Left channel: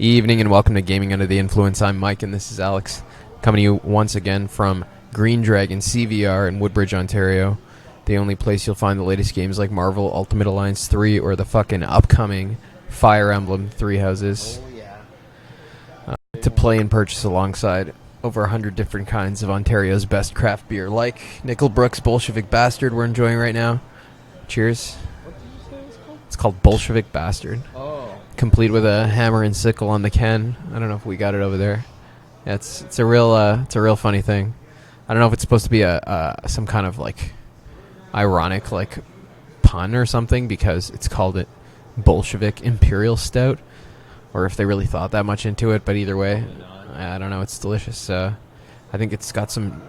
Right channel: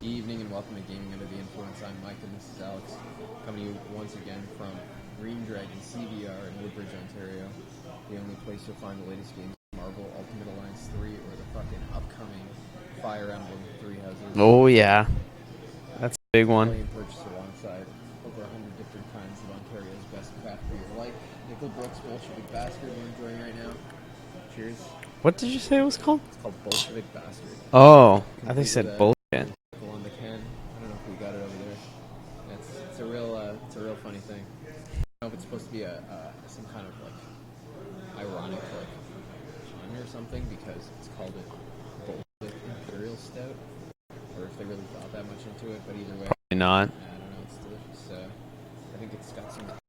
Evening and welcome to Gaming Under the Influence. I'm Mike and this is Alex, coming to you once again from Green Dragon CVR in Woodbridge, Ontario. The only place you'll find the latest games like Marvel Ultimate Alliance 3 or the fucking upcoming Fire Emblem 3 Houses. Oh yeah, that's a big to one. play and purchase alongside over 100 different kinds of Ontario's best craft beer, like Nickelbrook's Bolshevik Bastard we're enjoying right now. Cheers. What did you say it was called? It's called Bolshevik Bastard. Oh, Complete with a hammer and sickle on the can. I don't know if we got it over there. Yeah, it's a real funny thing. I don't know if it's supposed to be some kind of like ironic like pun or something because it's called it Bolshevik Imperial Stout, or if they really thought that much into it. But either way, probably not. I don't know. It's delicious. I think it's got some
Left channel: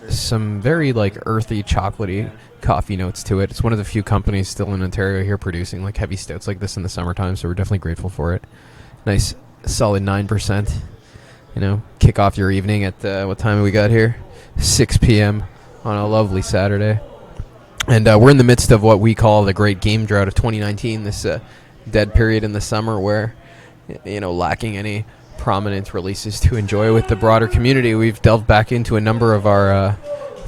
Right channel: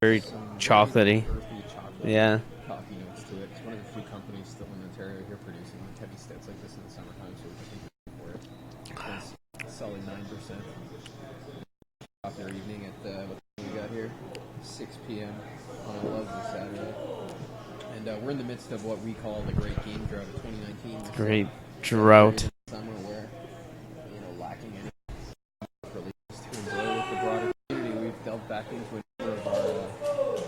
very like earthy, chocolatey coffee notes to it. It's one of the few companies still in Ontario here producing like heavy stouts like this in the summertime, so we're definitely grateful for it. Nice, solid 9%. You know, kick off your evening at what time we got here? 6 p.m. on a lovely Saturday. And we're in the midst of what we call the Great Game Drought of 2019. This dead period in the summer where, you know, lacking any prominent releases to enjoy with the broader community, we've delved back into a number of our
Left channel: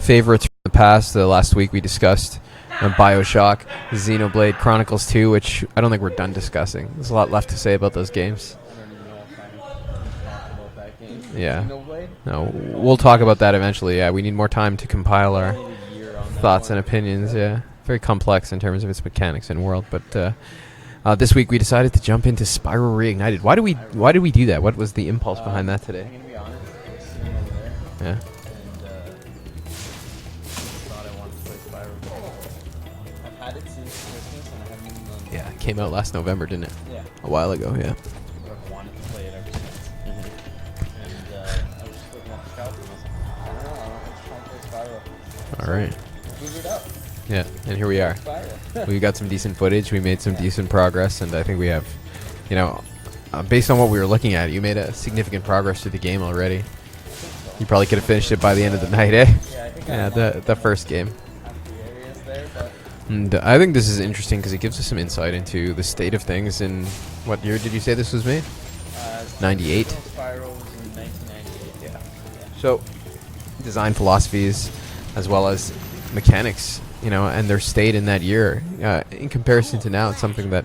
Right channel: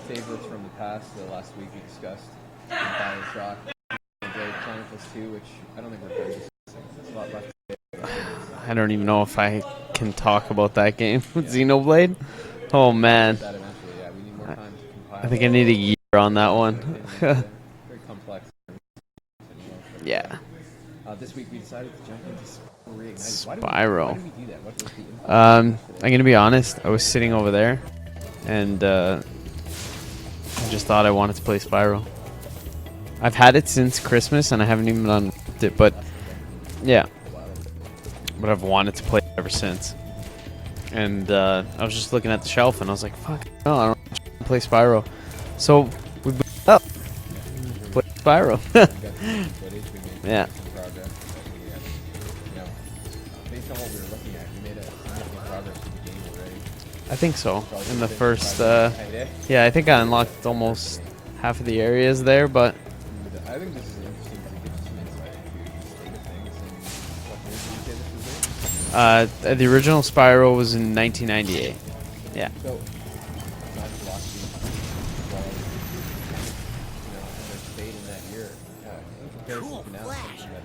favorites from the past. Last week we discussed BioShock, Xenoblade Chronicles 2, which I don't think we're done discussing. There's a lot left to say about those games. I don't even know if I can talk about that game. Yeah. Xenoblade? No, we'll talk about that eventually. Yeah, we need more time to compile I need a year on that thoughts one. and opinions. Yeah, very complex in terms of its mechanics and world. But this week we decided to jump into Spyro Reignited. Why did we do that? What was the impulse behind that today? I'm gonna be honest. I was sitting over there, and I just thought I wanted to play Spyro. I've had it since Christmas, and I haven't even done it. It came out last November, didn't it? Yeah, a while ago. Yeah, but I've wanted to play it ever since. And I was just looking at the shelf, and I was like, "Fuck, no, I don't want to play Spyro." So we booted it up. Yeah, and here we are. Spyro. We got some decent footage. We made some decent progress, and I think we have, you know, based on what we were looking at, you made a significant progress through the game already. I think so. You probably could have finished it by the end of the night, eh? Yeah, I think I unlocked the first game. Half of the areas there, but... And I think this is interesting because it gives us some insight into the state of things. In what year did you say this was made? The original Spyro was in 1998. Yeah. So, design philosophies as well as mechanics, you know, and their state in that year, in comparison to now, it's something that,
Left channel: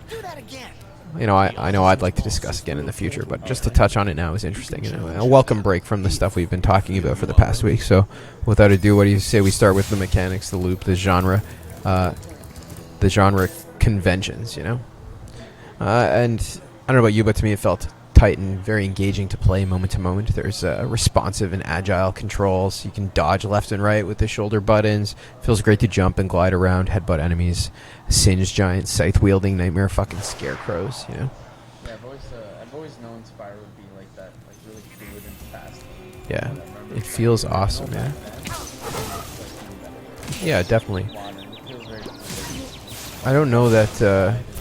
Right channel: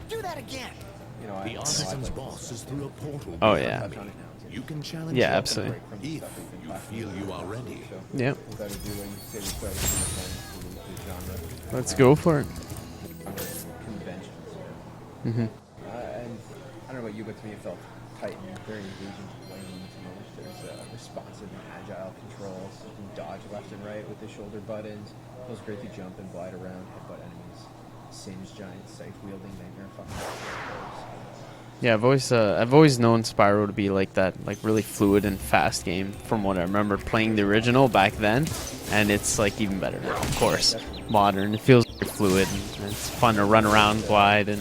you know, I know I'd like to discuss again in the future, but just to touch on it now is interesting. You know, a welcome break from the stuff we've been talking about for the past week. So, without ado, what do you say we start with the mechanics, the loop, the genre? Let's go for it. The genre conventions, you know? And I don't know about you, but to me it felt tight and very engaging to play moment to moment. There's responsive and agile controls. You can dodge left and right with the shoulder buttons. Feels great to jump and glide around, headbutt enemies, singe giant scythe-wielding nightmare fucking scarecrows, you know? Yeah, I've always known Spyro to be like that, like really fluid and fast game from what I remember playing the original back then, and it's like even better. Of course, yeah, definitely. Modern. It feels very fluid. And it's fun to run around, glide, and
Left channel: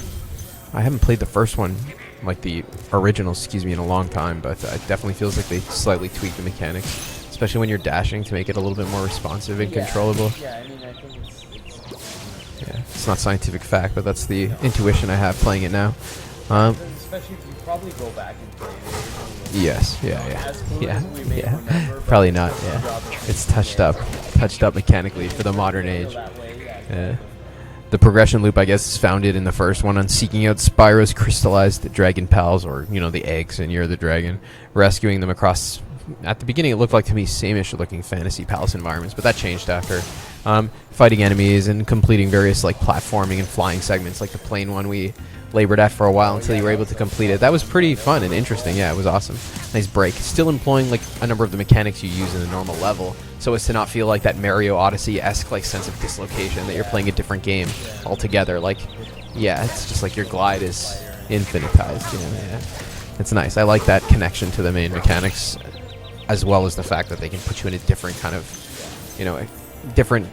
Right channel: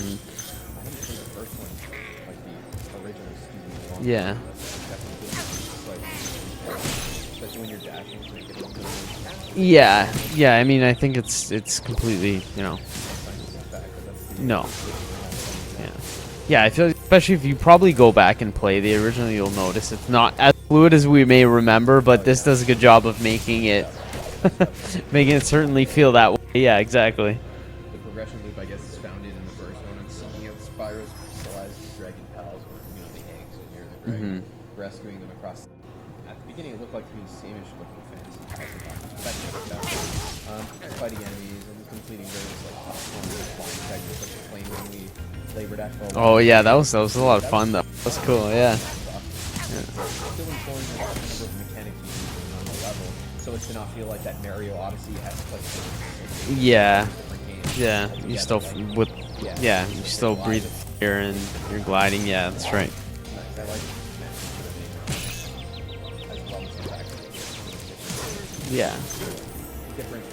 I haven't played the first one, like the original, in a long time, but it definitely feels like they slightly tweaked the mechanics, especially when you're dashing to make it a little bit more responsive and controllable. Yeah, I mean, I think it's completely, you know, it's not scientific fact, but that's the intuition I have playing it now. Yeah, I feel like especially if you probably go back and play the original, you'll notice it's not as fluid as we may remember, but this does a good job of making it touched up mechanically, making it certainly feel that way. Yeah, exactly. The progression loop, I guess, is founded in the first one on seeking out Spyro's crystallized dragon pals, or, you know, the eggs, and you're the dragon, rescuing them across. At the beginning, it looked like to me same-ish looking fantasy palace environments, but that changed after. Fighting enemies and completing various like platforming and flying segments, like the plane one we labored at for a while. Oh yeah, that was pretty fun and interesting. Yeah, it was awesome. Nice break. Still employing like a number of the mechanics you use in a normal level, so as to not feel like that Mario Odyssey-esque like sense of dislocation. You're playing a different game altogether. Like just like your glide is infinite gliding. Yeah, that's right. It's nice. I like that connection to the main mechanics, as well as the fact that they can put you in a different kind of, you know, different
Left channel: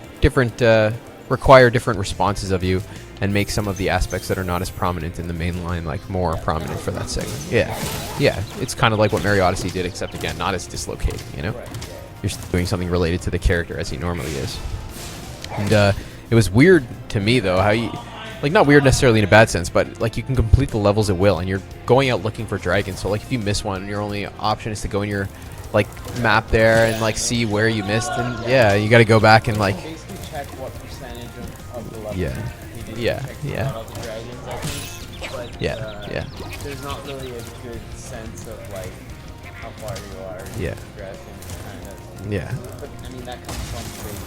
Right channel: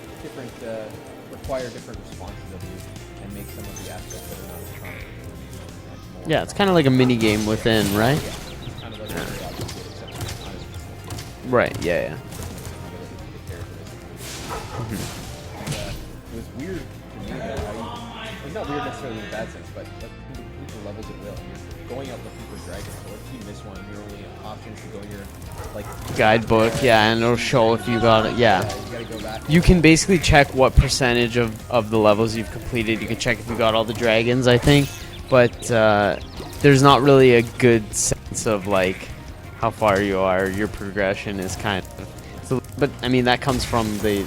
require different responses of you, and make some of the aspects that are not as prominent in the main line like more prominent. It's kind of like a mini game within, right? Yeah, it's kind of like what Mario Odyssey did, except again, not as dislocated, you know? Right, yeah. You're still doing something related to the character as he normally is. And it was weird to me, though, how like not weird necessarily in a bad sense, but like you can complete the levels at will, and you're going out looking for dragons. So like if you miss one, your only option is to go in your like guidebook there and like see where you missed it. Yeah, you got to go back and you can basically check what percentage of the levels you've completed. You can check if you got all the dragons, I think, but there's not really a good sense of like how far you are. Your progression is kind of so, but I mean that comes from the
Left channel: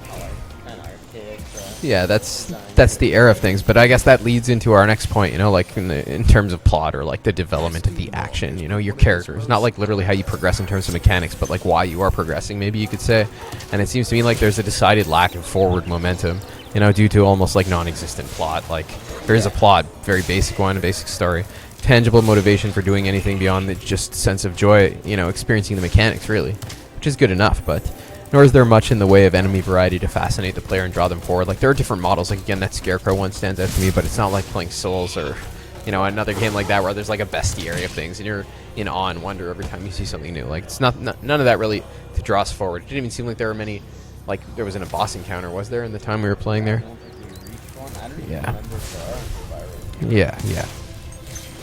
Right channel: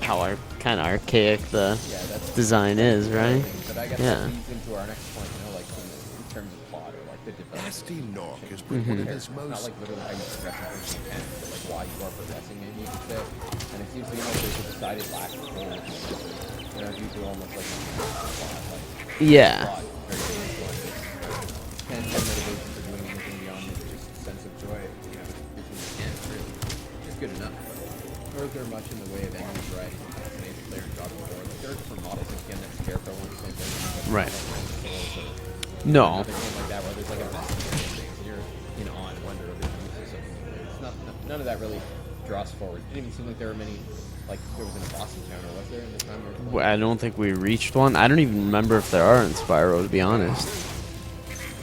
how our kind of archaic the design that's the era of things. But I guess that leads into our next point, like in terms of plot or like the development of the action, your characters, not like literally how you progress in terms of mechanics, but like why you are progressing, maybe you could say. And it seems to me like there's a decided lack of forward momentum, due to almost like non-existent plot. Like there's a plot, very basic one, a basic story, tangible motivation for doing anything beyond the just sense of joy, experiencing the mechanics really, which is good enough, but nor is there much in the way of enemy variety to fascinate the player and draw them forward. Like there are different models. Like again, that Scarecrow one stands out to me, but it's not like playing Souls or another game like that where there's like a bestiary of things and you're in awe and wonder every time you see something new. Like it's none of that really to draw us forward. It didn't even seem like there were many. Like there wasn't a boss encounter, was there, in the time we were playing? I don't think we reached one. I don't even remember if there are in Spyro, to be honest. Yeah.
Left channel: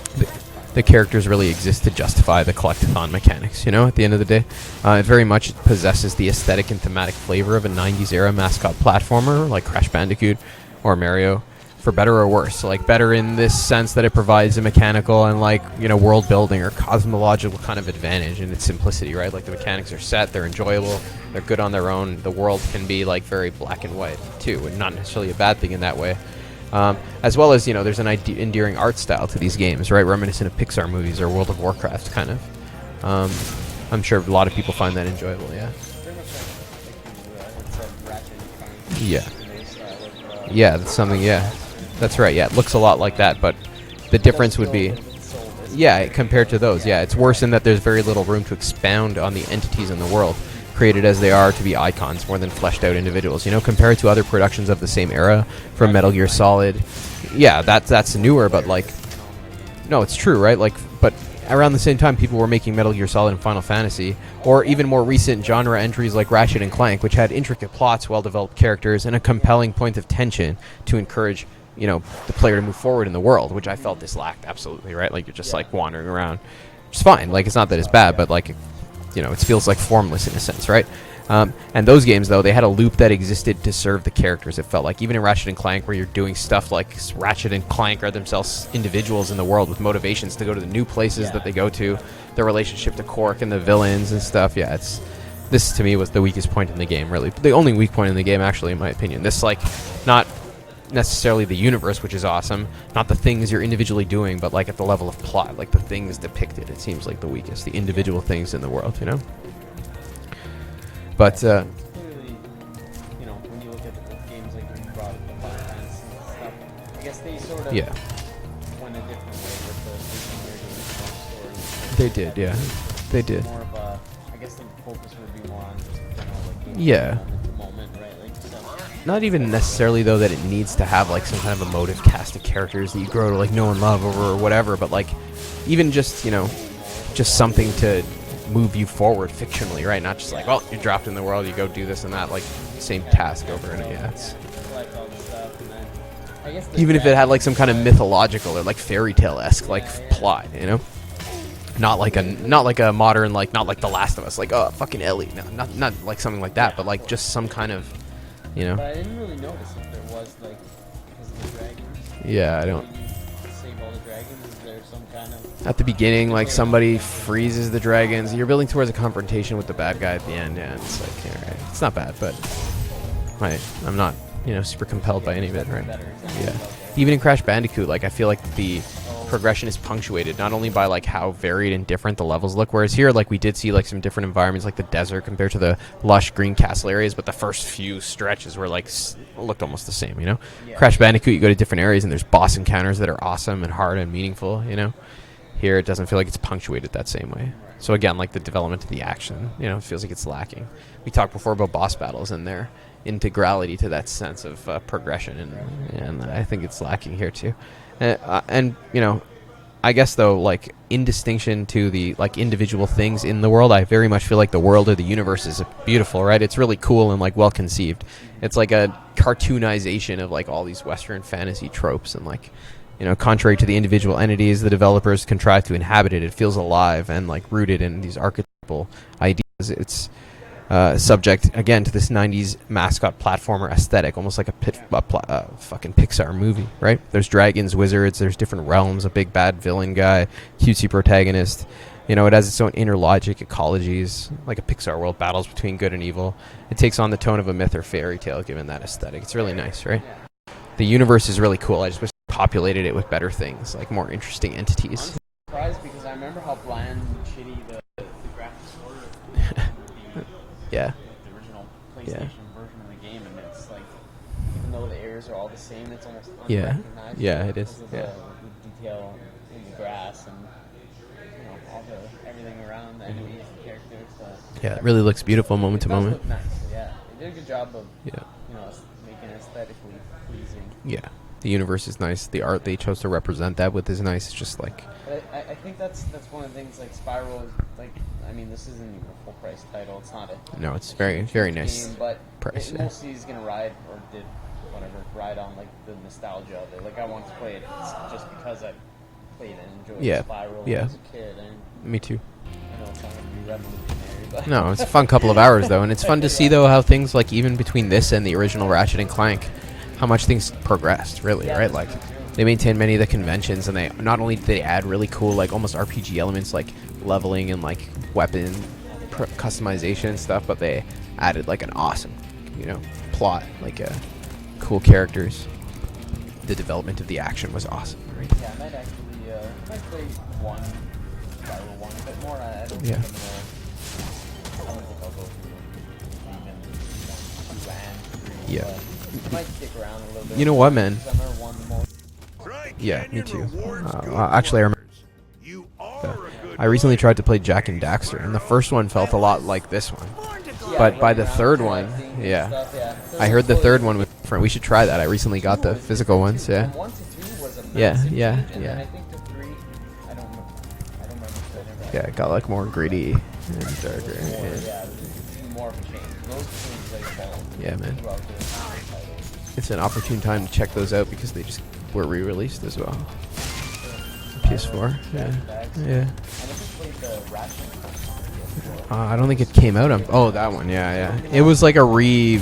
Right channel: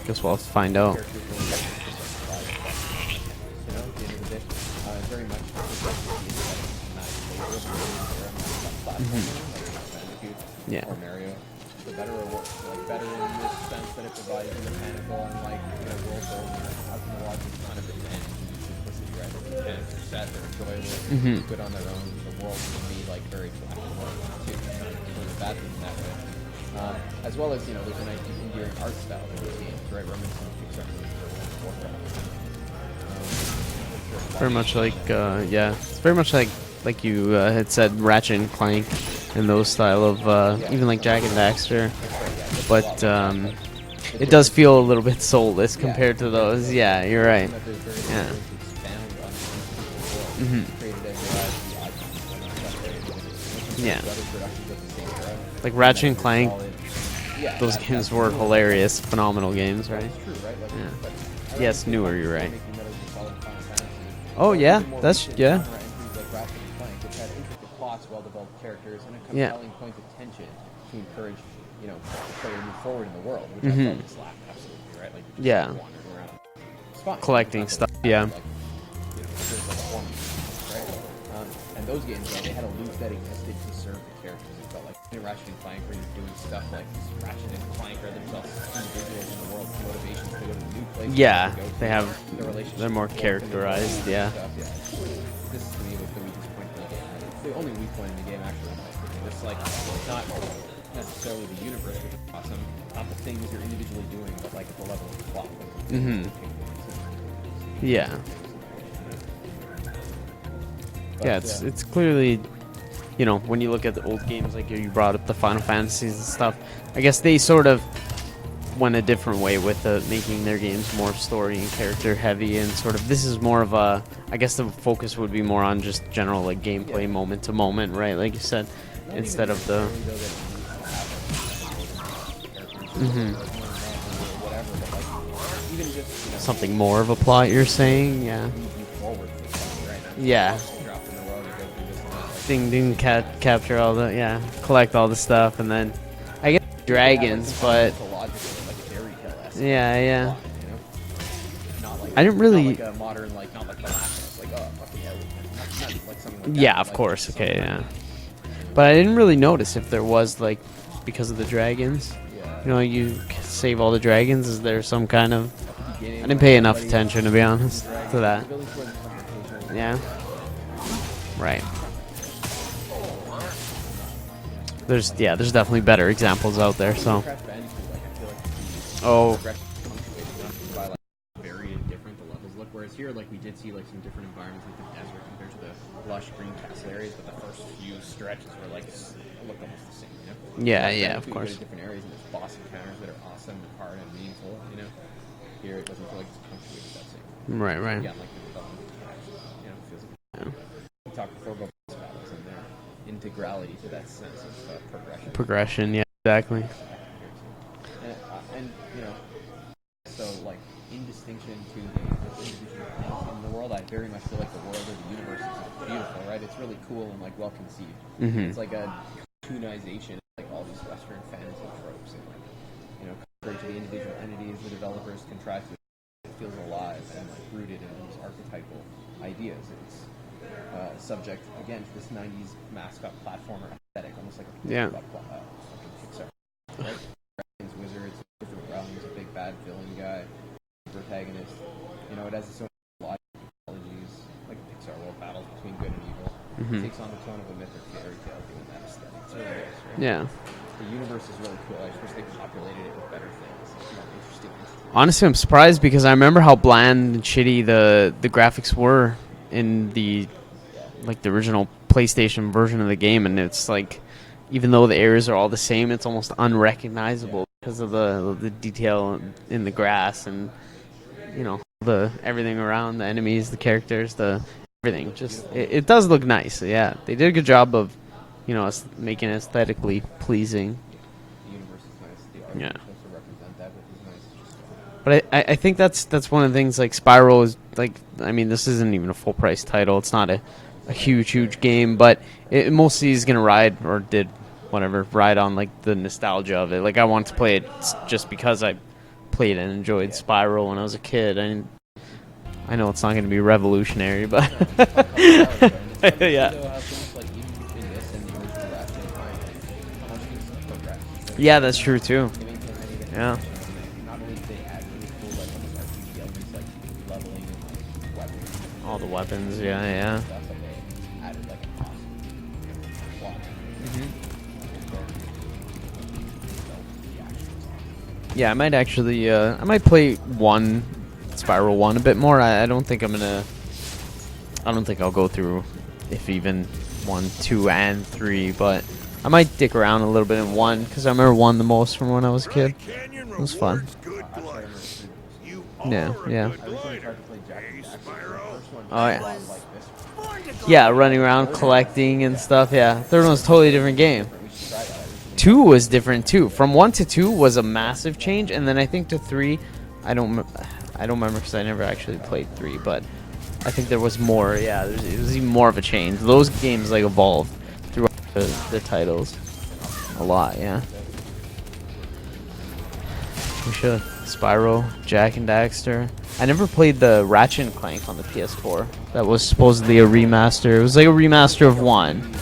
As well as find out. The characters really exist to justify the collectathon mechanics, at the end of the day. It very much possesses the aesthetic and thematic flavor of a 90s era mascot platformer like Crash Bandicoot or Mario, for better or worse. So like better in this sense that it provides a mechanical and like, world building or cosmological kind of advantage in its simplicity, right? Like the mechanics are set, they're enjoyable, they're good on their own. The world can be like very black and white too, and not necessarily a bad thing in that way. As well as, there's an endearing art style to these games, right? Reminiscent of Pixar movies or World of Warcraft, kind of. I'm sure a lot of people find that enjoyable. Yeah, it's very much like you had said, Ratchet and Clank. Yeah. In those style of, even like Jack and Daxter. That's right, yeah. It looks a lot like that, but the it difference does feel a little bit soulless compared to those. Yeah, it's worse in that there's very little room to expound on the entities in the world, created as they are to be icons more than fleshed out individuals. Compared to other productions of the same era, like from Metal Gear Solid. Yeah, that's newer, but like phenomenal games. No, it's true, right? Like, but around the same time, people were making Metal Gear Solid and Final Fantasy, or even more recent genre entries like Ratchet and Clank, which had intricate plots, well-developed characters, and a compelling point of tension to encourage the player to move forward in the world, which I felt this lacked absolutely, right? Like you're just like wandering around, which is fine. Like it's not that it's bad, but like it feels like formless in a sense, right? And those games though, they had a loop that existed to serve the characters. It felt like even in Ratchet and Clank, where you're doing stuff like Ratchet and Clank are themselves individuals in the world with motivations to go to the new places that they go to, their relationship with Quark and the villains and stuff. Yeah, this to me was the weakest point in the game, really. The only weak point in the game, actually, in my opinion. This like not necessarily the universe, which is awesome, not the things you're individually doing, but like at the level of plot, like the things depicted, it seems like the weakest, the individual things in the world, But it's clearly, when you look at the old games, like you brought up the Final Fantasies and stuff, I guess they sort of went a different way with making their games more story and character heavy, and sort of this is more of a, I guess the focus would be more on just general like gameplay moment to moment, right? Like you said. Not even necessarily though that it needs to have like some kind of emotive cast of characters that you grow to like know and love over or whatever, but like even just something more of a just plot something you're saying, to move you forward fictionally, right? Not just like, you're dropped in the world, you go do this and that, like same capture all the collect all the stuff, and then I guess even if it had like some kind of mythological or like fairy tale-esque plot, not like not like a modern not like The Last of Us, like fucking Ellie, no, not like something like that, but like just some kind of. But I didn't really notice if there was like, because of the dragons. Yeah, you save all the dragons. Is there some kind of at the beginning, like somebody freezes the dragons? You're building towards a confrontation with the bad guy at the end. Yeah, it's like, right. It's not bad, but I'm not super compelled. There's definitely better examples out there. Even in Crash Bandicoot, like I feel like the progression is punctuated not only by like how varied and different the levels look, whereas here like we did see like some different environments like the desert compared to the lush green castle areas, but the first few stretches were like looked almost the same, Crash Bandicoot, you go to different areas and there's boss encounters that are awesome and hard and meaningful, Here it doesn't feel like it's punctuated that same way. Right. So again, like the development of the action, it feels like it's lacking. We talked before about boss battles and their integrality to that sense of progression. And I think it's lacking here too. And I guess though, like in distinction to the like individual things in the world, I very much feel like the world or the universe is beautiful, right? It's really cool and like well conceived. It's like a cartoonization of like all these Western fantasy tropes, and like, you know, contrary to the individual entities the developers contrive to inhabit it, it feels alive and like rooted in these archetypal ideas. It's subject again to this 90s mascot platformer aesthetic, almost like a fucking Pixar movie, right? There's dragons, wizards, there's different realms, a big bad villain guy, cutesy protagonist. You know, it has its own inner logic, ecologies, like a Pixar world, battles between good and evil. It takes on the tone of a myth or fairy tale given that aesthetic. It's really nice, right? Yeah. The universe is really cool. I just wish they populated it with better things, like more interesting entities. Honestly, I'm surprised because I remember how bland and shitty the graphics were in the like the original PlayStation version of the game, and it's like, even though the areas are all the same, it's almost unrecognizable because of the detail in the grass and, you know, the everything around, the enemies, the characters, it really looks beautiful. It does look nice. Yeah, they did a good job of you know, making it aesthetically pleasing. Yeah, the universe is nice. The art they chose to represent that with is nice. It's just like. But I think that's one of the things. Like Spyro is like, I mean, this isn't even a full price title. It's not a huge nice game, but it mostly is gonna ride or did whatever ride on like the nostalgia of it. Like I wanted to play it just because I played and enjoyed Spyro when I was a kid. Me too. I know it's not going to be revolutionary, but no, it's a fun couple of hours though, and it's fun to see though how things like even between this and the original Ratchet and Clank, how much things progressed. Really, yeah, right? that's like, true too. They maintain many of the conventions, and they not only did they add really cool like almost RPG elements like leveling and like weapon, all the weapons, customization and stuff, but they added like an awesome, you know, plot, like cool characters. The development of the action was awesome. Right? Yeah, I might actually, I might play Spyro 1 a bit more. I don't think I don't think I'll go through if even 1, 2, and 3, but I might dick around a little bit. You know what, man? Because I remember 1 the most from when I was a kid. Yeah, me too. It was fun. Actually, I remember. Yeah. I recently tried to play Jack and Daxter, and the first one felt a lot like this one. Yeah, running around collecting and stuff. Yeah, third one's totally different game. We should try that. I recently 2 got the was different too. Yeah. From 1 to 2 was a massive change, and then I think to 3, I don't remember because I never actually got like more greedy. I think there was more. Yeah, it was even more of a change. Those games like evolved throughout the titles. It's an opportune time to check those out because they just were re-released as well. You should. Spyro, Jack and Daxter. Yeah. I never played the Ratchet and Clank on the PS4. I don't think was supposedly a remaster. It was like a remaster. It was like a like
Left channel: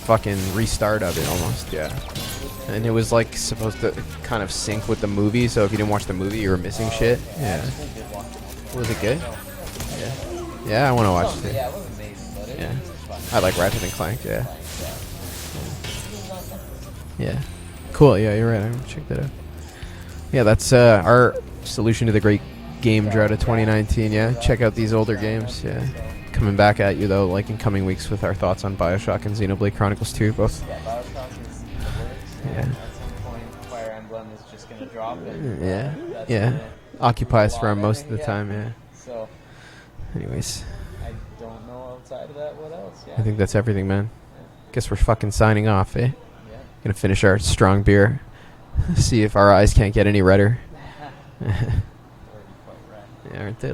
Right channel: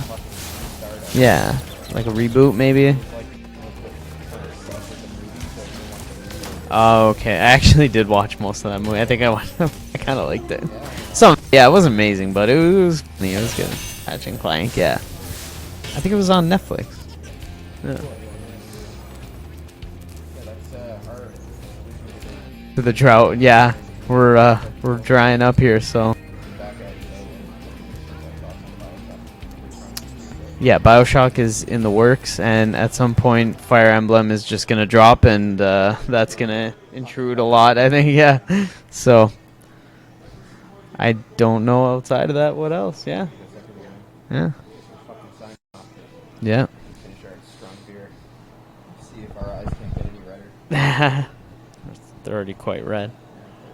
fucking restart of it. Yeah, like a reboot maybe. And it was like supposed to kind of sync with the movie, so if you didn't watch the movie, you were missing shit. Okay. I actually did watch most of that movie. I think I kind of liked it. Yeah, I want to watch it. Yeah, it was amazing, but it was funny. I like Ratchet and Clank. Ratchet and Clank, yeah. I think it was on Netflix. Yeah. Cool. Yeah, you're right. I'm gonna check that out. Yeah, that's our solution to the great the Drought. Yeah, we're check out these we're older drying games. up here. So coming back at you though, like in coming weeks with our thoughts on BioShock and Xenoblade Chronicles 2, both. Yeah, BioShock is in the works, and at some point, Fire Emblem is just gonna drop, and that's gonna intrude a lot. I think. Yeah. So, anyways, I don't know outside of that what else. Yeah. I think that's everything, man. Yeah. Guess we're fucking signing off, eh? Yeah. Gonna finish our strong beer. See if our eyes can't get any redder. They're already quite red. Yeah, aren't they?